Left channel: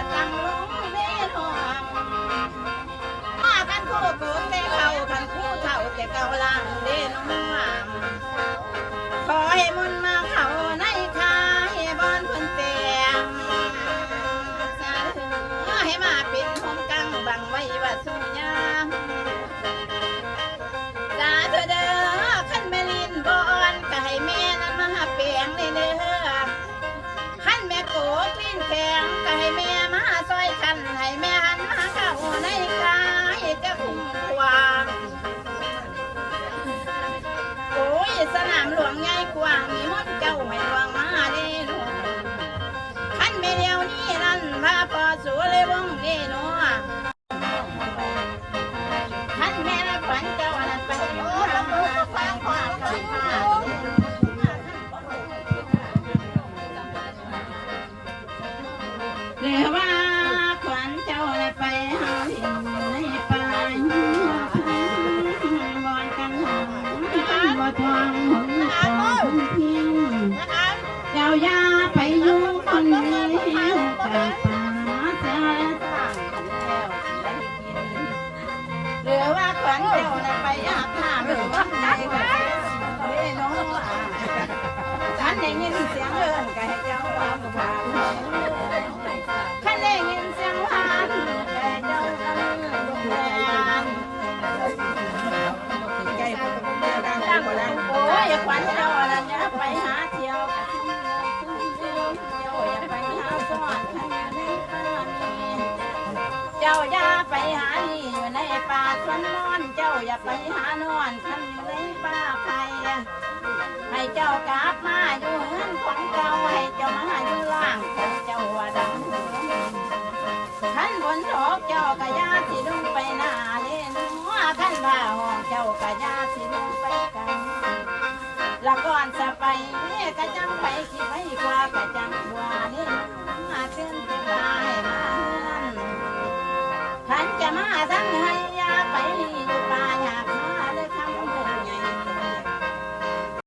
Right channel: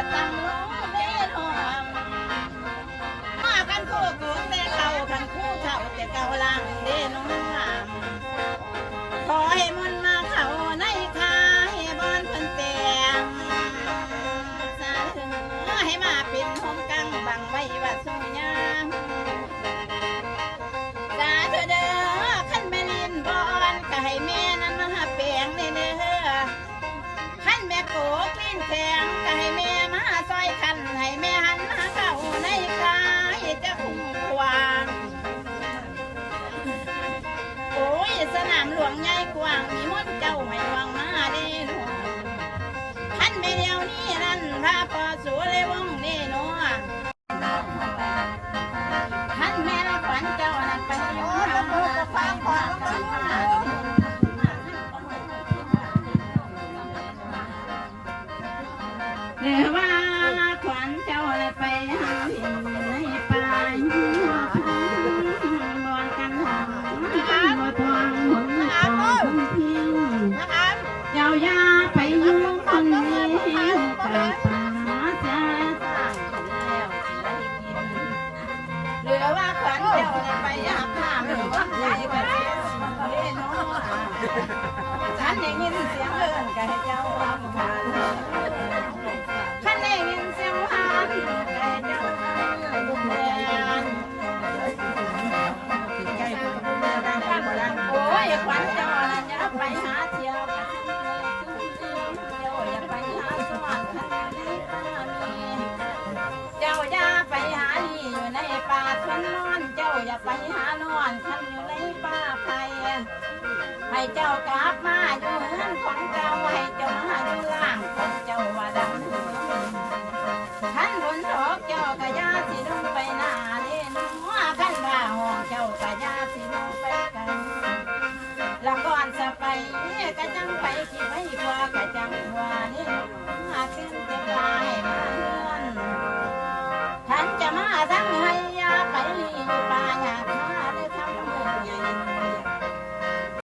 จะตำลงเล่นหอมมากันคู่กูแต่เขาขันคู่เท่าแต่เก่าลังเล่นหอมขอให้มนมาเขาในคายบอนเพิ่นเตียงสาธุให้มาปิดห้องกังบังไว้ว่าสุญาสาธุเด้อขันแม่ลินบอนก็ให้แม่นั้นมาหาเปียงเลยเด้อขันแม่โกปิ้นแข็งก็ให้แม่มาซอยขันให้แม่หันมาเข้าในคายจะคุ้มควางโอ้ยสนามหลวงใหญ่กว้างมีมดเจ้าไม่หลวงมาดีหลวงขันไม่เดียวนี้นั่นพาพอสู่เลยวงดีหนัวขันแม่ละฝันเจ้านั่นไปโอ้ยโอ้ยฟังความกันมาเรือว่าขวัญเจ้าอะไรไปหาในป่าบอนกันหงบ่ทองหงของทิ้งเจ้ายาไปยุ่งคนนี้แต่ป่าจะสั่งแล้วเรือว่าขวัญเจ้าอะไรไปอาบน้ำหรือว่าไหนไปเล่นน้องฉันได้ยินเสียงเอิ้นก็ให้เจ้าฟังผ่านขันได้ยินเสียงหานแต่เจ้าลูกแม่โอ้ยขวัญเจ้าอะไรอย่าไปหาเที่ยวกันเจ้าอย่าไปหาสอนขันอยู่ในป่ามีเจ้าอย่าไปหานี่อยู่ในป่าสวนนอนเจ้าอย่าไปหานอนขันอยู่ในป่าใครให้เจ้ากลับมาอยู่เฮือนของเจ้าให้เจ้ามาอยู่ล่างของเจ้าว่าดังขันบนดอกเจ้ากะยาสิลงไปหน้าเล่นหัวขันบ่าห้องเจ้ากะยาสิลงไปกันละก่อนจะไปกะจังไปขี้ไปกว่ากะจังกว่านี่มาขึ้นจะได้มาเฮือนขันจะมา